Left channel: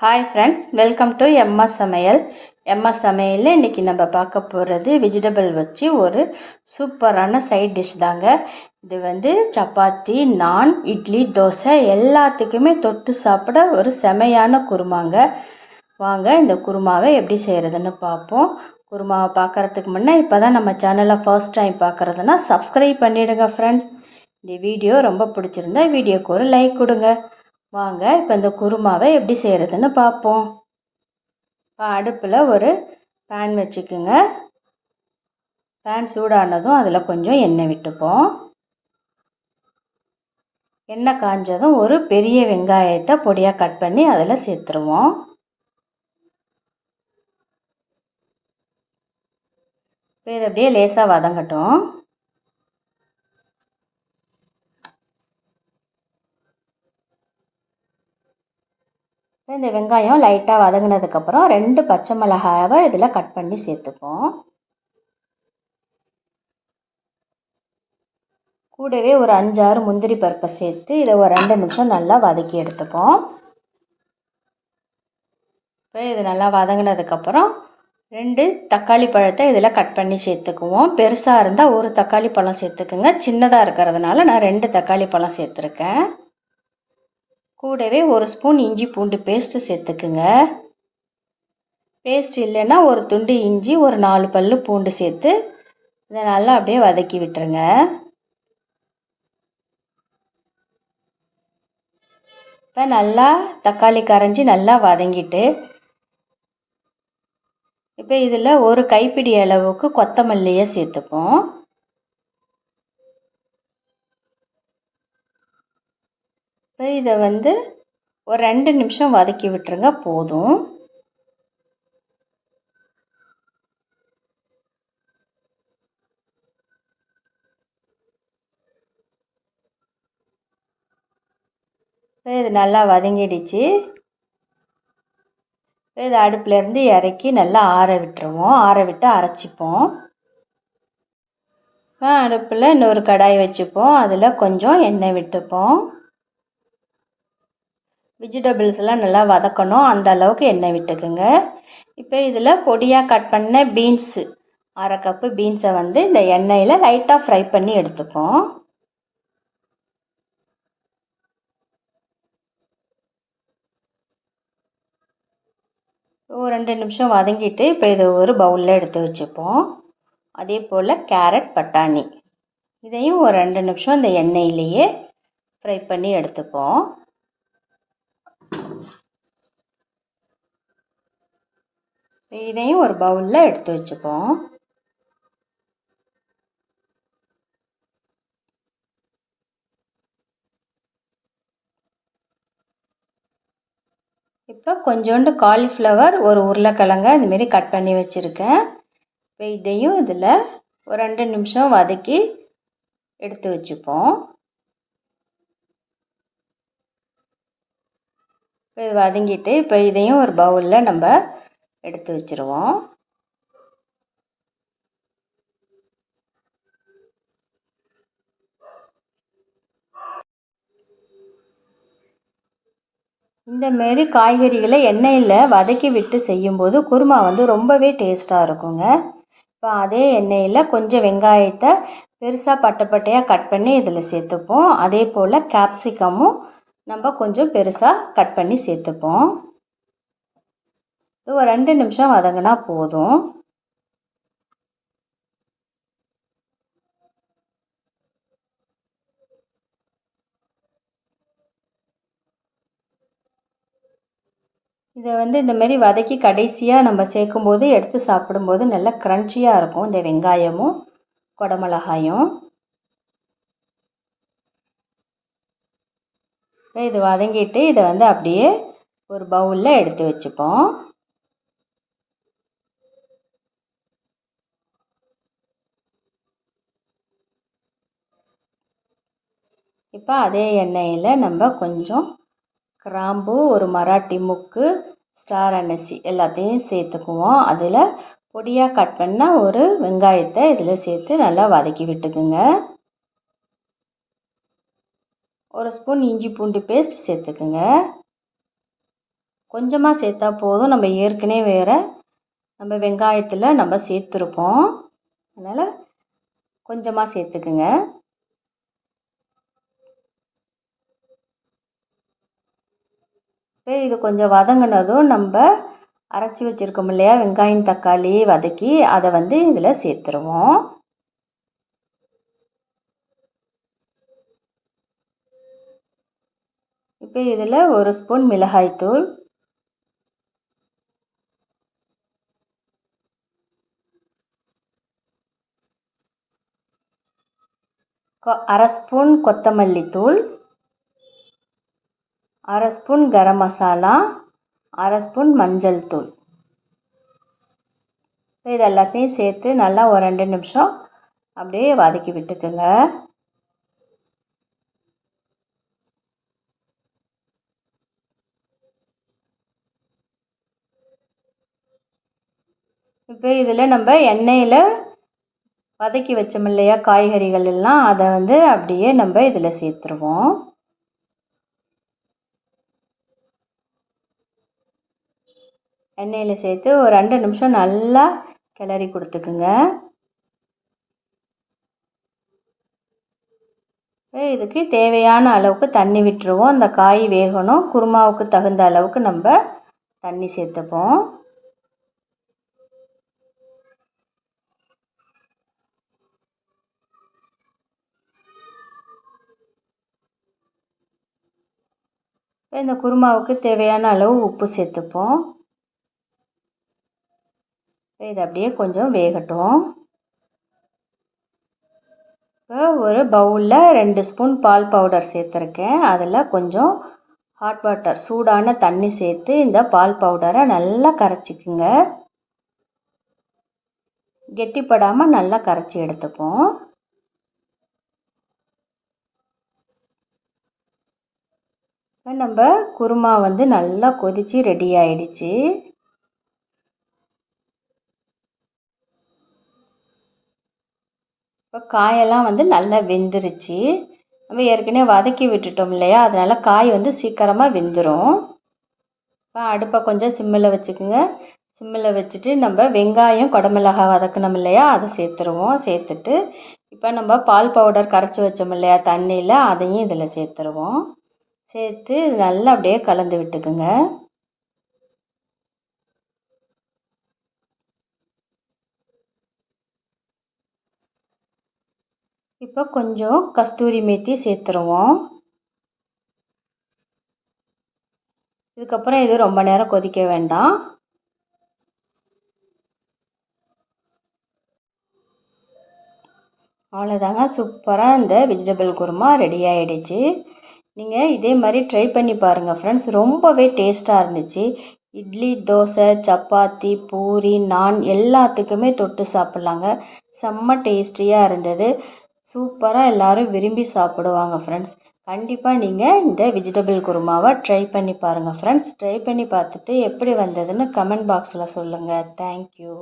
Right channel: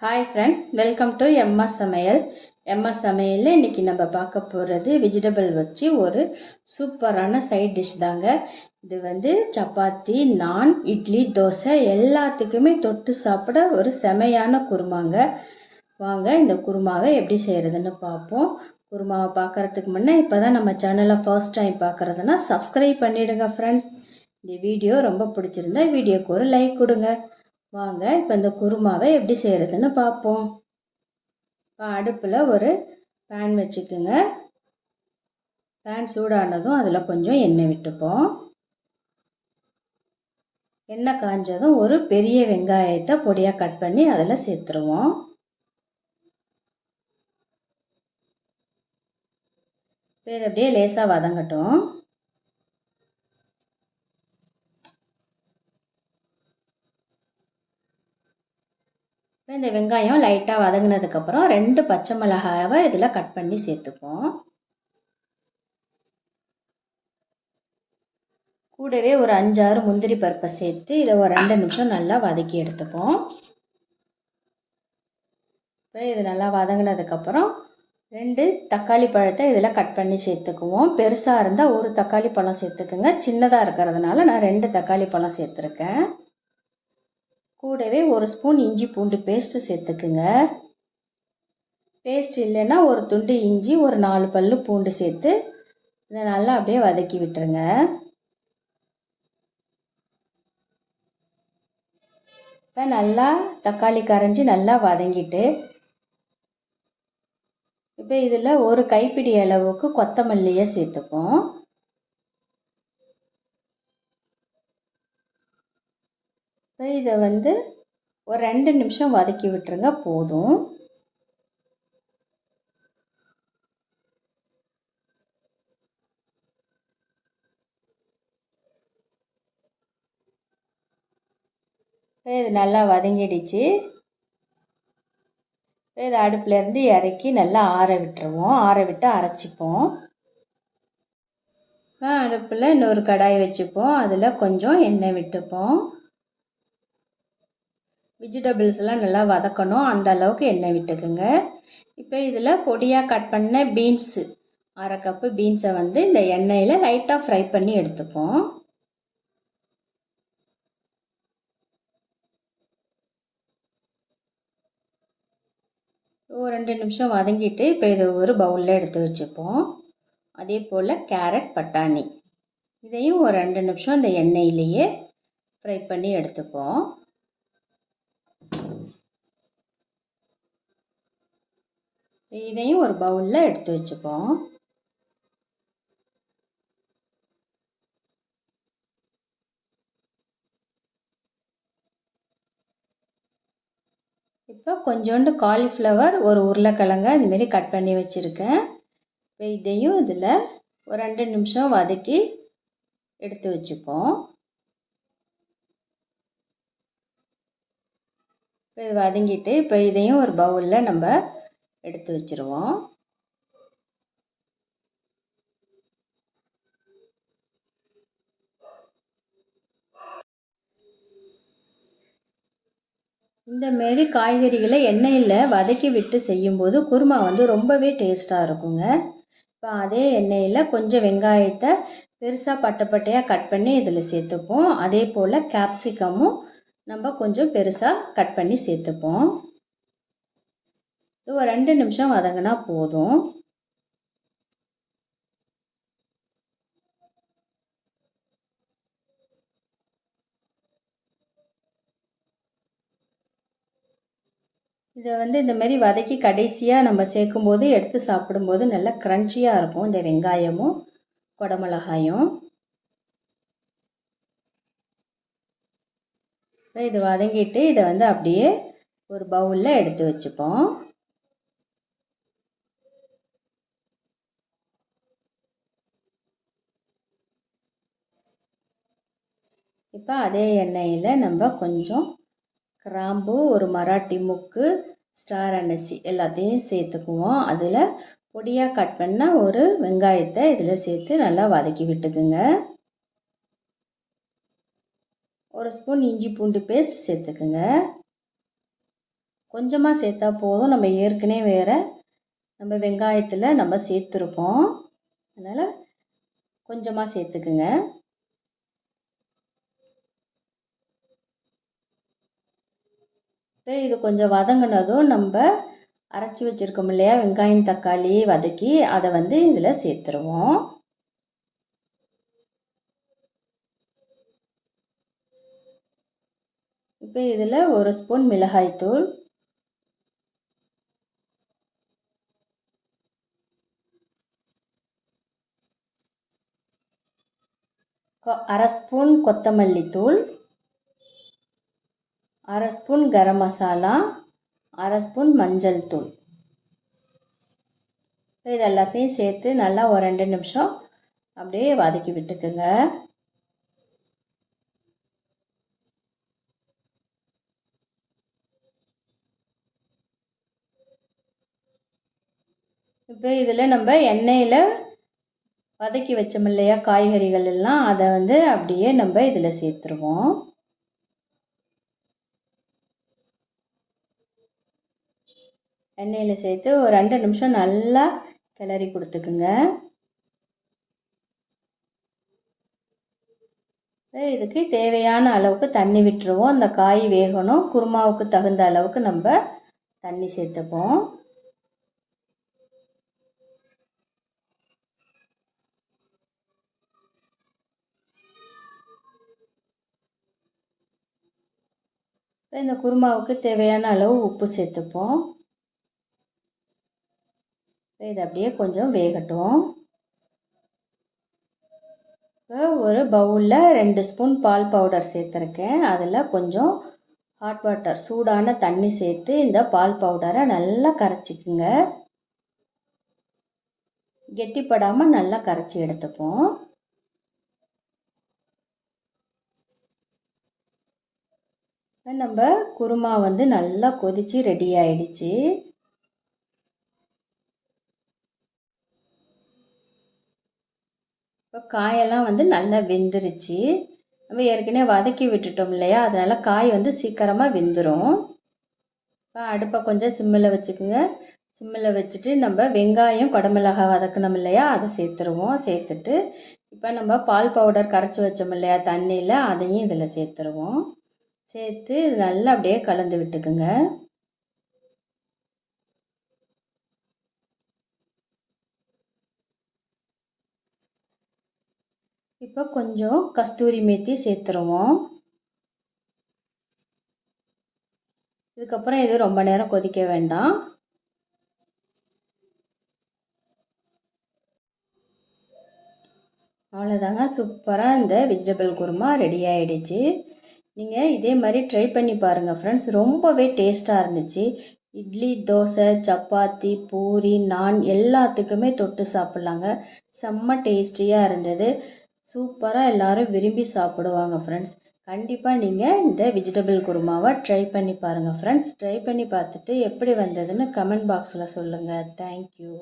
Hi friends welcome to MS சமையல் MS சமையலில் இன்றைக்கி நம்ம பார்க்க போகிறது வெஜிடபிள் வச்சு ஒரு சூப்பரான சைட் டிஷ் தாங்க. இது வந்து சப்பாத்தி நான் இட்லி தோசை எல்லாத்துக்குமே தொட்டு சாப்பிட ஒரு செமையான குருமாங்க. வாங்க இந்த குருமாவை எப்படி செய்கிறதுன்னு பார்ப்போம். குருமாவை பார்க்குறதுக்கு முன்னே இப்போ தான் நம்ம சேனலை ஃபர்ஸ்ட் டைம் பார்க்குறதுனா சப்ஸ்கிரைப் பண்ணிவிடுங்க ஃப்ரெண்ட்ஸ் இந்த வீடியோ ரொம்ப பிடிச்சிருந்தா வீடியோக்கு ஒரு லைக் கொடுங்க. வாங்க இப்போ இந்த குருமாவை எப்படி செய்கிறதுன்னு பார்ப்போம். இப்போ அடுப்பில் ஒரு பேன் வச்சுக்கோங்க. பேன் சூடானதும் அதில் கொஞ்சம் எண்ணெய் விட்டுப்போம். எண்ணெய் காஞ்சதும் ஒரு பெரிய வெங்காயத்தை பொடியாக கட் பண்ணி அதில் சேர்த்துருவோம். இப்போ இதை அப்படியே லேசாக வதங்கட்டும் இப்போ இந்த வெங்காயம் லைட்டாக வதங்கினதுக்கப்புறம் ரெண்டு பச்சை மிளகாவை இதில் கட் பண்ணி சேர்த்துப்போம். கூடவே ஒரு அஞ்சாறு முந்திரி பருப்பை சேர்த்து இதை ஒரு ரெண்டு நிமிஷம் நல்லா வதக்கி எடுத்துப்போம். இப்போ இது நல்லா வதங்கினதுக்கப்புறம் ரெண்டு தக்காளி பழத்தை இதில் கட் பண்ணி சேர்த்துக்குவோம். பெருசாக இருந்தால் ஒரு தக்காளி பழம் சேர்த்துக்குங்க. சின்னதாக இருக்கிறதுனால நான் ரெண்டு தக்காளி பழம் சேர்த்துருக்கேன். கூடவே ஒரு ஸ்பூன் இஞ்சி பூண்டு பேஸ்ட்டு சேர்த்துக்குங்க. பேஸ்ட் இல்லைன்னா ஒரு துண்டு இஞ்சி ஒரு நாலு பல் பூண்டு சேர்த்து இதை நல்லா அப்படியே வதக்கி விட்டுருங்க. இப்போ நல்லா தக்காளி கரைஞ்சி நல்லா வதங்கிட்டு இப்போ இதில் ஒரு கைப்பிடி அளவுக்கு கொத்தமல்லியை சேர்த்துப்போம். இப்போ இதை வந்து ஒரு ரெண்டு நிமிஷம் வதக்கி விட்டுருங்க போதும். இப்போ இது நல்லா வதங்கிடுச்சு. இப்போ இது அடுப்புலேருந்து இறக்கி நல்லா ஆற விட்டுருவோம். ஆற விட்டு அரைச்சிப்போம். அடுப்பில் இன்னொரு கடாய் வச்சுப்போம். அதில் கொஞ்சம் எண்ணெய் விட்டுப்போம். வெஜிடபிள்ஸ்லாம் நல்லா வதக்கணும். அந்த அளவுக்கு எண்ணெய் விட்டுக்குங்க. இப்போ இதில் பொடியாக கட் பண்ண பீன்ஸு அரை கப்பு பீன்ஸை வந்து இந்த எண்ணெயில் லைட்டாக ஃப்ரை பண்ணி எடுத்துப்போம். ஒரு ரெண்டு நிமிஷம் வதங்கிட்டு இப்போ இதை ஒரு பவுலில் எடுத்து வச்சுப்போம். அதே போல் கேரட் பட்டாணி. இதையும் ஒரு ரெண்டு நிமிஷம் இந்த எண்ணெயிலேயே ஃப்ரை பண்ணி எடுத்துப்போம். இதையும் ஒரு பவுலில் எடுத்து வச்சுப்போம். இப்போ கொஞ்சோண்டு காலிஃப்ளவர் ஒரு உருளைக்கிழங்க இதுமாரி கட் பண்ணி வச்சுருக்கேன். இப்போ இதையும் இதில் ஒரு ரெண்டு நிமிஷம் வதக்கி எடுத்து வச்சுப்போம். இப்போ இது வதங்கிட்டு இப்போ இதையும் ஒரு பவுலில் நம்ம எடுத்து வச்சுருவோம். இந்தமாரி காய்கறிகளை எண்ணெயில் வதக்கி விட்டு செய்யும்போது குருமா வந்து ரொம்பவே டேஸ்ட்டாக இருக்குங்க. இப்போ அதே எண்ணெயில் கொஞ்சம் வெங்காயத்தை பெருசாக பட்டப்பட்டையாக கட் பண்ணி இதில் சேர்த்துப்போம். அதே போல் கேப்சிகமும் நம்ம கொஞ்சம் பெருசாக கட் பண்ணி சேர்த்துப்போம். ஒரு ரெண்டு நிமிஷம் வதங்கினா போதும். இதை வந்து இந்தமாரி வதக்கி கடைசியாக நம்ம சேர்க்கும்போது எடுத்து சாப்பிடும்போது நல்லா க்ரன்ச்சியாக இருக்கும். இந்த வெங்காயமும் குடமிளகாயும். இது வதங்கிட்டு இதை வந்து அப்படியே ஒரு பவுலில் எடுத்து வச்சுப்போம். இப்போ அதே எண்ணெயில் நம்ம கொஞ்சம் கிராம்பு ஒரு மராட்டி முக்கு ஸ்டார் அன்னசி எல்லாத்தையும் சேர்த்துக்குவோம். அதில் பொடியாக கட் பண்ண ஒரு வெங்காயத்தை இதில் சேர்த்து நல்லா வதக்கி விட்டுக்குங்க. ஒரு ஸ்பூன் இஞ்சி பூண்டு பேஸ்ட் சேர்த்துக்குங்க. கொஞ்சமாக சேர்த்தா போதும். நம்ம ஏற்கனவே வேறு நம்ம வெங்காயத்தில் நம்ம சேர்த்துருப்போம். அதனால் கொஞ்சமாக சேர்த்துக்குங்க. இப்போ இது கொஞ்சம் வதங்கினதும் நம்ம அரைச்சி வச்சுருக்கோம் இல்லையா? வெங்காயம் தக்காளி வதக்கி அதை வந்து இதில் சேர்த்துருவோம். இப்போ இதில் ஒரு ஸ்பூன் மிளகாய்த்தூள் அரை ஸ்பூன் கொத்தமல்லி தூள். அரை ஸ்பூன் கரம் மசாலா அரை ஸ்பூன் மஞ்சள் தூள். இது எல்லாத்தையும் சேர்த்து நல்லா ஒரு ரெண்டு நிமிஷம் அப்படியே வதக்கி விட்டுக்குங்க. இப்போ இதில் நம்ம எண்ணெயில் வதக்கி வச்சோம் இல்லையா காய்கறிகள் எல்லாம் அதை வந்து அப்படியே நம்ம இதில் சேர்த்துருவோம். எண்ணெயில் சேர்த்து ஒரு ரெண்டு நிமிஷம் நல்லா கிளறி கொடுத்துக்குங்க. இதுக்கு தேவையான அளவுக்கு தண்ணி விட்டுருவோம். அந்த காய் வேகணும். குருமாவுக்கு தகுந்த அளவுக்கு நம்ம தண்ணி சேர்த்துப்போம். இந்த குருமாவுக்கு தேவையான அளவு உப்பு சேர்த்துப்போம். இது அப்படியே கொஞ்சம் வேகட்டும். இப்போ ஒரு பவுலில் ரெண்டு ஸ்பூன் பால் பவுடர் சேர்த்துருக்கேன். அதில் கொஞ்சம் ஹாட் வாட்டர் சூடான தண்ணி சேர்த்து இந்த பால் பவுடரை நல்லா கரைச்சிக்குங்க. கெட்டிப்படாமல் நல்லா கரைச்சி எடுத்துப்போம். நம்ம குருமா வந்து நல்லா கொதித்து ரெடி ஆயிடுச்சு. இப்போ காயெல்லாம் வந்து நல்லா வெந்துருச்சு. நம்ம ஏற்கனவே வதக்கி விட்டுட்டோம் இல்லையா? அதனால் காய் வந்து சீக்கிரமாக வெந்துடும் இப்போ அடுப்பை கொஞ்சம் சிம்மில் வச்சுக்கோங்க. சிம்மில் வச்சுட்டு நம்ம வெங்காயம் குடமிளகாய் வதக்கணும் இல்லையா? அதை சேர்த்துருவோம். சேர்த்துட்டு இப்போ நம்ம பால் பவுடர் கரைச்சி வச்சோம் இல்லையா? தண்ணியில் அதையும் இதில் சேர்த்துருவோம். சேர்த்து நல்லா அப்படியே கலந்து விட்டுக்குங்க. இப்போ கொஞ்சம் கஸ்தூரி மேத்தி சேர்த்துருவோம். இதுக்கப்புறம் இது ரொம்ப நேரம் கொதிக்க வேண்டாம். அவ்வளோதாங்க சூப்பராக இந்த வெஜிடபிள் குருமா ரெடி ஆகிடுச்சு நீங்கள் இதே மாதிரி ட்ரை பண்ணி பாருங்கள் ஃப்ரெண்ட்ஸ் ரொம்பவே டேஸ்ட்டாக இருந்துச்சு. இட்லி தோசை சப்பாத்தி பூரி நான் எல்லாத்துக்குமே தொட்டு சாப்பிட்லாங்க. செம்ம டேஸ்டியாக இருந்தது. சூப்பராக எல்லோரும் விரும்பி சாப்பிடுவாங்க ஃப்ரெண்ட்ஸ் கண்டிப்பாக நீங்கள் இந்த வெஜிடபிள் குருமாவை ட்ரை பண்ணி பாருங்கள் ஃப்ரெண்ட்ஸ் ட்ரை பண்ணி பார்த்துட்டு எப்படி வந்ததுன்னு கமெண்ட் பாக்ஸில் சொல்லுங்கள் தேங்க்யூ